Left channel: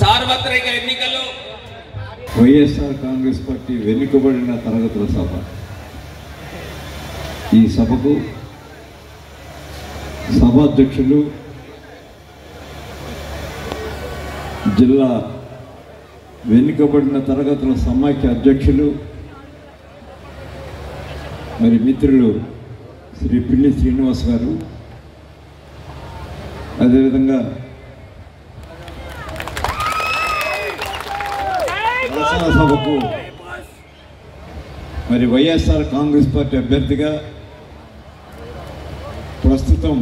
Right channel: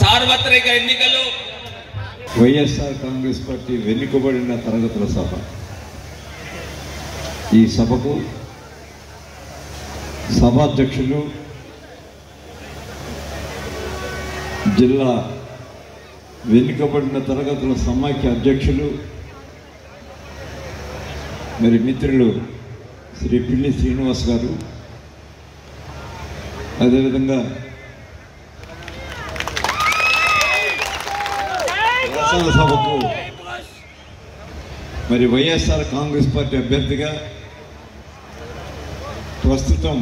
సార్వత్రిక ఎన్నికలు వైఎస్ఆర్ కాంగ్రెస్ పార్టీ వెనుకబడిన తరగతుల సభ. ఈ సభకు సభాధ్యక్షులు జిల్లా వెనుకబడిన తరగతుల సమాఖ్య అధ్యక్షులు మరి మిత్రులు శ్రీ పిల్లి శ్రీనివాస్ గారు, అదేవిధంగా రచన సభకు మరి వైఎస్ఆర్ కాంగ్రెస్ పార్టీ అభ్యర్థిగా ప్రస్తుతం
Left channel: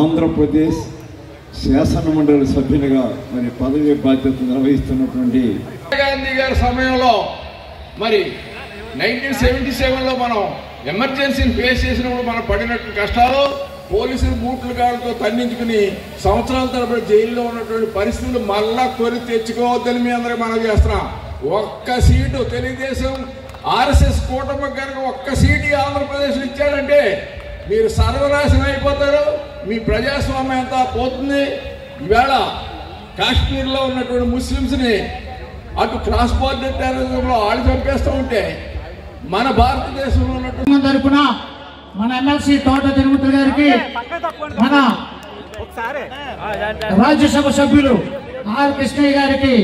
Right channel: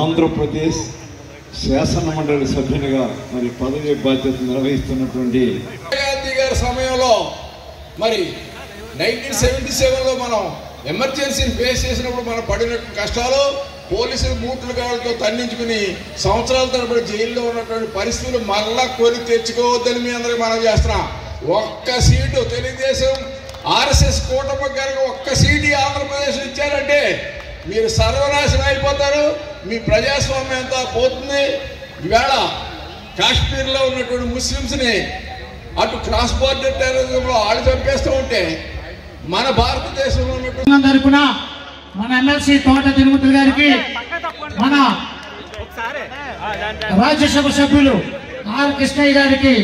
ఆంధ్రప్రదేశ్ శాసనమండలి సభ్యునిగా మరి పదవి బాధ్యతలు నిర్వహిస్తున్నటువంటి గాంధీ గారి సమయంలో మరి 1977లో మనం ఎమర్జెన్సీని ఫేస్ చేసినప్పుడు మనం పడినట్టు కష్టాలు, పోలీసులు బూట్లు గాళ్ళతో తన్నించుకుని సంవత్సరాల తరబడి జైల్లో ఉన్నటువంటి పరిస్థితులు మళ్ళా కొని తెచ్చుకోవద్దని మీ అందరికీ మనం చేస్తున్నాం. ఒక్క సీటు తెలుగుదేశం ఆర్ఎస్ఎస్ కూటమి గారికి ఒక్క సీటు ఆంధ్రప్రదేశ్లో ఇచ్చారంటే మీరు సర్వనాశనం అయిపోతారు. మీ ప్రజాస్వామ్యం అంతా పోతుంది. ఈవేళ కాశ్మీర్లో ఉన్నటువంటి ముస్లిమ్స్ని అటు క్రాస్ బార్డర్ టెర్రరిజంలో ఆళ్ళు చంపేస్తూ ఉంటే మన భారతదేశంలో ఉన్నటువంటి తరపున మన ఎమ్మెల్సీ తోట తిరుమతి గారికి, మన రాజ్యసభ సభ్యులు ఆర్ కృష్ణయ్య గారికి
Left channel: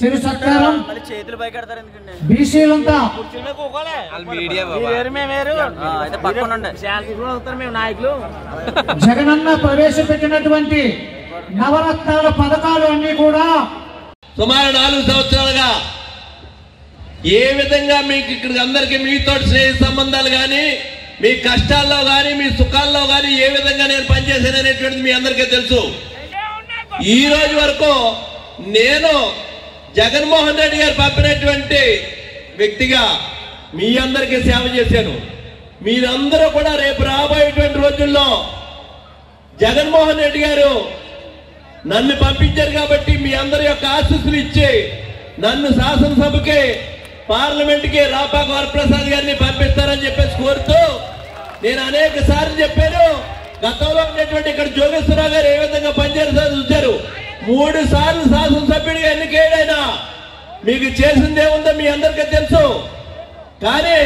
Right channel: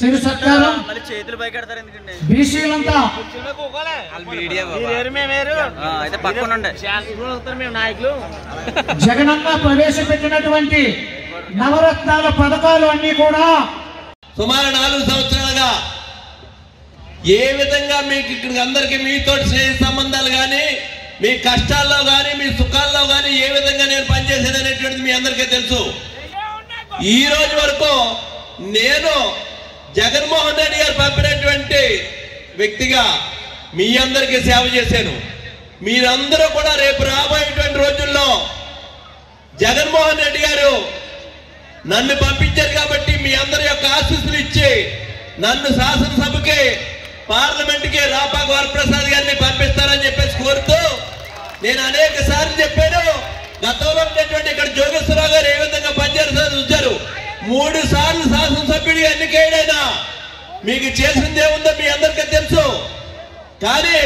శివ సత్కారం. బీసీలంతా జగనన్న ప్రవేశపెట్టినటువంటి నవరత్నాల పథకాలు అన్ని కూడా సుమారు 4 సంవత్సరాలుగా ఏ విధంగా మీకు ఇక్కడ అందరికీ మీతో స్నేహ సంబంధాలు కానీ, మీ కష్టాల్లో కానీ, మీ సుఖాల్లో కానీ ఏ విధంగా నేను పనిచేశాననేటువంటిది మీ అందరికీ తెలుసు. ఈ రోజు వరకు నేను జగన్మోహన్ రెడ్డి గారు పంపినటువంటి వ్యక్తిగా మీ అందరికీ సేవ చేశాను. మీరందరూ కూడా రేపు రాబోయేటువంటి రోజుల్లో జగన్మోహన్ రెడ్డి గారు నన్ను పంపించారు కాబట్టి మీ అందరి యొక్క ఆశీస్సులు ఇచ్చి నన్ను శాసనసభకి, పార్లమెంట్కి రాపాక వరప్రసాద్ గారిని పంపిస్తారని చెప్పేసి కోరుతూ నేను అనేక సార్లు చెప్పాను. గతంలో ఉన్నటువంటి ఇక్కడ జోగేశ్వరరావు గారు ఏ విధంగా పనిచేస్తారు చూశారు. 3 సార్లు శాసనసభ్యుడిగా ఎన్నికైనా మీకు చేసిందేముందో మీ అందరికీ తెలుసు. కానీ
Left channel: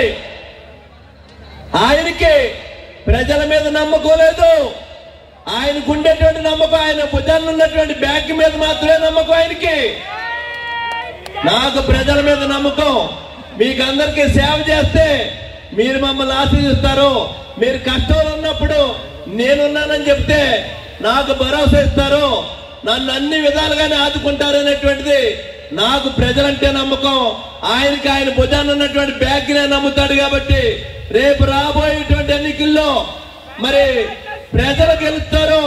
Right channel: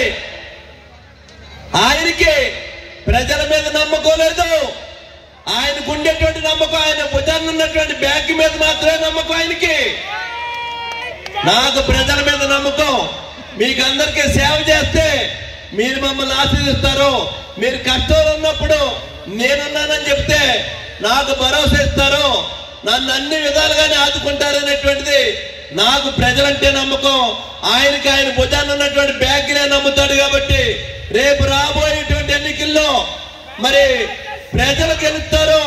ఆయనకి ప్రజల మీద నమ్మకం లేదు. ఆయనకు ఉండేటువంటి నమ్మకం, ఆయన భుజాన్ని ఉన్నటువంటి బ్యాగ్ మీద మాత్రమే నమ్మకం ఆయనకి. నాకు ప్రజల మీద నమ్మకం. మీకు అందరికీ సేవ చేస్తే మీరు మమ్మల్ని ఆశీర్వదిస్తారు. మీరు కష్టంలో ఉన్నప్పుడు నేనున్నానని చెప్తే నాకు భరోసా ఇస్తారు. నన్ను అన్ని విధాలుగానే ఆదుకుంటారనేటువంటిది నాకు ప్రజలంటే నమ్మకం. ఆయనకి ఆయన భుజాన్ని ఉన్నటువంటి బ్యాగ్నే నమ్ముతాడు. కాబట్టి రేపు రాబోయేటువంటి ఎన్నికల్లో మరి ప్రజలు గెలుస్తారో,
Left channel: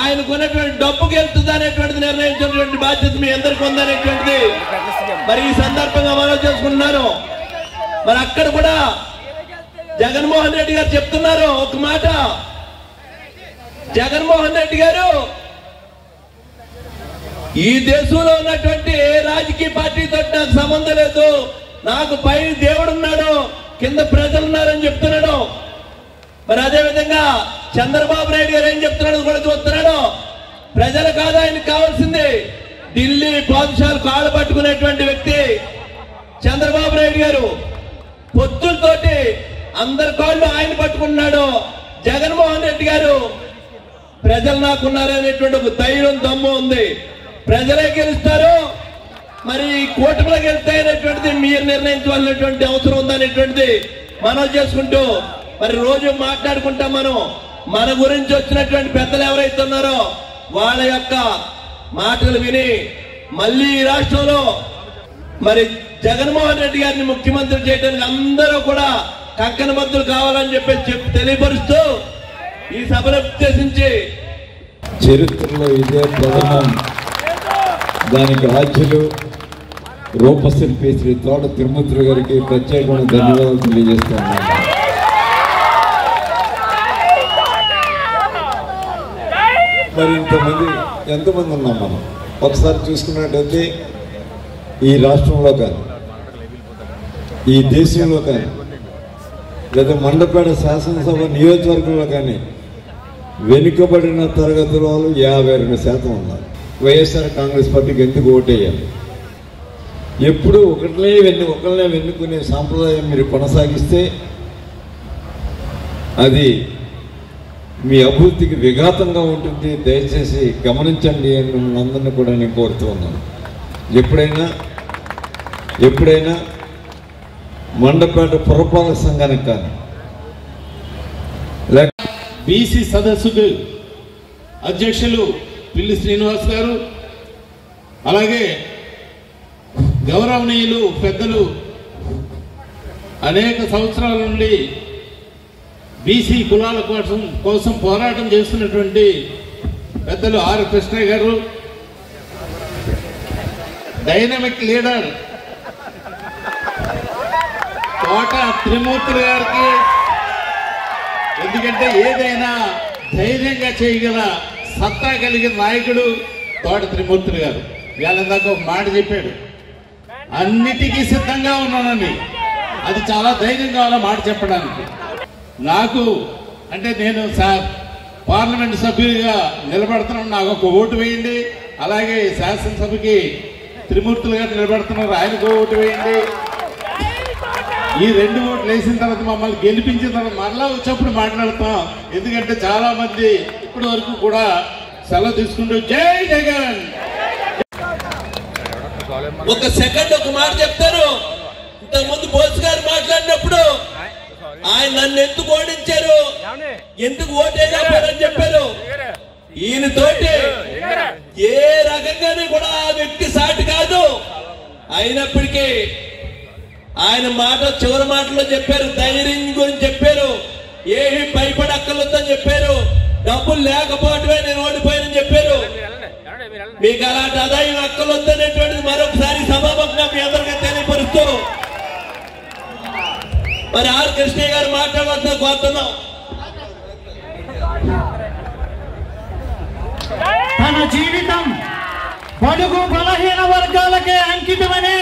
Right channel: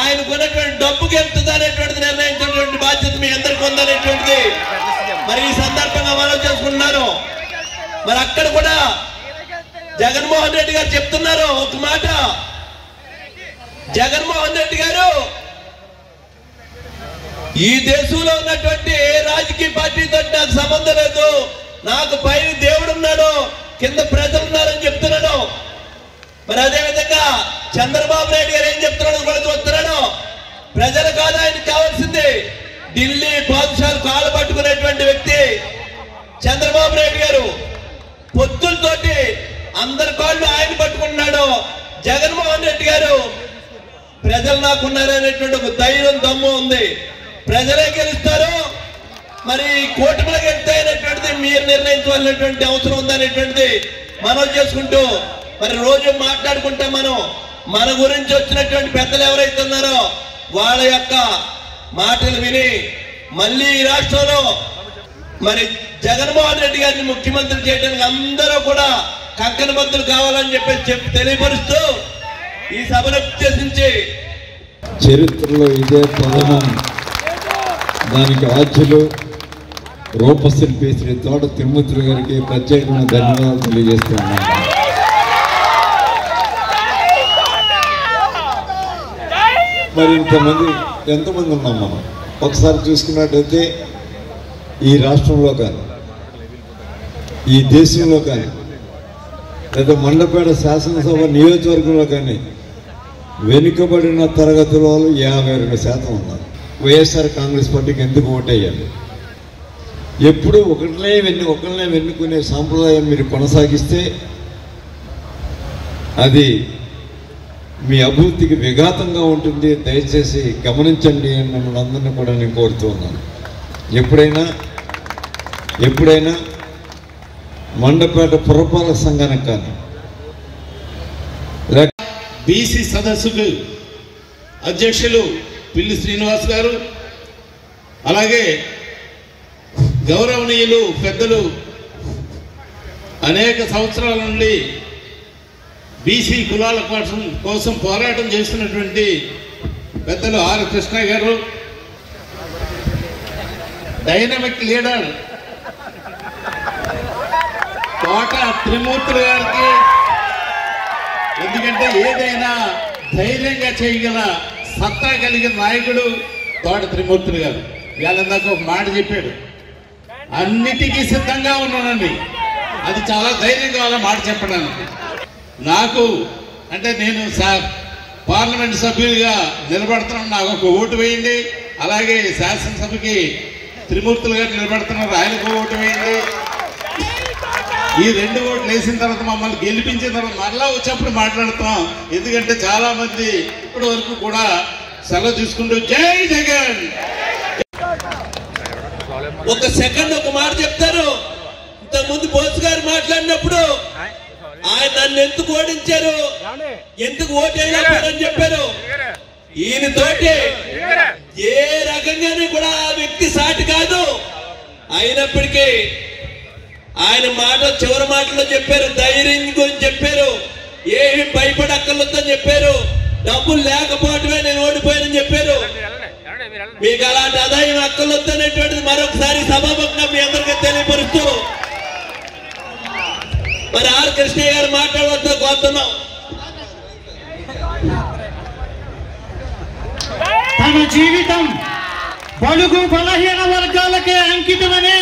ఆయనకు ఉన్నటువంటి డబ్బు గెలుస్తుంది అనేటువంటిది నిర్ణయించినటువంటి బాధ్యత మీ అందరికీ ఉందనేటువంటిది మరి ఈ సందర్భంగా మనం చేసుకున్నాను. మరి అక్కడ కూడా జగన్మోహన్ రెడ్డి గారు చెప్తున్నారు ఒక మాట. జగన్మోహన్ రెడ్డి గారు ఈ దేశంలో ఉన్నటువంటి ఏ రాజకీయ పార్టీతో నాకు సంబంధం లేదు, నాకు పైన దేవుడు ఉన్నాడు, కింద ప్రజలు ఉన్నారని చెప్తున్నాడు. మరి అదే విధంగా చంద్రబాబు నాయుడు గారు ఏం చెప్తున్నాడు కూడా చూస్తున్నాడు. ప్రజలు కాదు ఆయనకు కావాల్సింది. ఢిల్లీ పాదుషాలు కాళ్ళు పట్టుకునేటువంటి వ్యక్తి చంద్రబాబు నాయుడు గారు. పొత్తులతోటి అందరి కాళ్ళు ఆయన పట్టుకున్నాడు. జగన్మోహన్ రెడ్డి గారు ప్రజలు నాకున్నారనేటువంటి ఒక ధైర్యం, దమ్ము ఉంది. ప్రజలే గెలుస్తారు. మరి కూటమిలో గెలుస్తాయనేటువంటిది మీరు నిర్ణయించవలసినటువంటి అవసరం ఉందనేటువంటిది మనం చేసుకుంటూ మరి రోజు మాట్లాడుకుంటాం. మన గురించి వచ్చినటువంటి పెద్దలు ఎవరైతే ఉన్నారో వాళ్ళ యొక్క మాటలు విని మళ్ళీ ఈ రాష్ట్రంలో మరి జగన్మోహన్ రెడ్డి గారిని ముఖ్యమంత్రి చేయడానికి అందరూ కూడా కంకణబద్దులు కావాలని చెప్పి తెలియపరుస్తూ ఈ సభను ఉద్దేశించి చరిత్రలో ఇదే ప్రథమం. దానికి రాజ్యులు రూపశిల్పి శ్రీ తోట తిరుమతి గారికి ప్రత్యేకమైన ధన్యవాదాలు తెలియజేస్తున్నాను. మరి ఇంతమంది ఎంతమంది ఉన్నాం మనం ఒకసారి చూసుకున్నట్టయితే ఈ రాష్ట్రంలో కానీ, ఈ దేశంలో కానీ, లేదా మండపేట శాసనసభ నియోజకవర్గంలో కానీ వెనుకబడిన తరగతుల వాళ్ళు 52% ఉన్నారు. వైఎస్ఆర్ కాంగ్రెస్ పార్టీకి ఎందుకు ఓటేయాలి? ఎప్పుడు ఒకరినే వెన్నుకునే సాంప్రదాయం మీరు కొనసాగిస్తే అది మీ అభివృద్ధికి విఘాతంగా ఉంటుంది. దయచేసి గమనించండి అని మిమ్మల్ని అందరినీ కూడా నేను కోరుతూ ఉన్నాను. ఎప్పుడైనా మండపేట పురపాలక సంఘానికి కానీ బీసీ సదస్సుకు అధ్యక్షులు పిల్లి శ్రీనివాస్ గారు, అలాగే గౌరవనీయులు పెద్దలు అనేక సంవత్సరాల నుండి బీసీ కులాల కోసం పోరాటం చేస్తున్నటువంటి పెద్దలు ఆర్ కృష్ణ గారు, డైనమిక్ లీడర్ తోట త్రిమూర్తి గారికి, ఎందుకంటే ఏదైనా ధైర్యంగా చేయగల సత్తా కలిగిన నాయకుడు తోట త్రిమూర్తి గారు. వీళ్ళందాక ఒక మాట చెప్పాడు, అన్నిటికీ సిద్ధంగా ఉన్నానండి. అది చాలా ధైర్యం కావాలా మాట చెప్పడానికి. నాకు అంటే నేను పార్లమెంట్ సభ్యుడిగా నిలబడుతున్నాను, నాకు ఒక ఓటు వేయండి. అలాగే శాసనసభకి త్రిమూర్తులు గారు నిలబడుతున్నారు, ఆయనకు ఓటు వేయండి. ఈ 2 ఓట్లు వేసిన తర్వాత మమ్మల్ని గెలిపించిన తర్వాత మరలా వచ్చినప్పుడు మాట్లాడుతాం. ఎందుకంటే చాలా మంది ఇప్పటి వరకు కూడా సెలవు తీసుకుంటూ జై జగన్. ఒక సెకండ్ ఒక మాట చెప్తాను. ఇంతకుముందు బోస్ గారు మాట్లాడినప్పుడు ఆయన నన్ను ఎందుకు ఓడించారు, ఎందుకు ఓటేయాలని చెప్పారు. ఈయనతోటి ఏ రకంగానే కూడా ఆ వ్యక్తి సాటి కాదు. అయినప్పటికీ ఆయన మాట చివరి మాటలో చెప్పారు, ధైర్యం గురించి చెప్పారు, ఏమి భయపడక్కర్లేదని చెప్పారు, డబ్బులు లేకపోవటమే నేను ఓడిపోయానని చెప్పారు. మీకు అలాంటి ఆదాయం అక్కర్లేదనేటువంటిది మరొకసారి సభాముఖంగా మీ అందరికీ తెలియపరుస్తూ మరి ఆర్ కృష్ణ గారు మాట్లాడవలసిన కోరుతున్నాం. తన జీవితం బడుగు బలహీన వర్గాలకే అంకితమని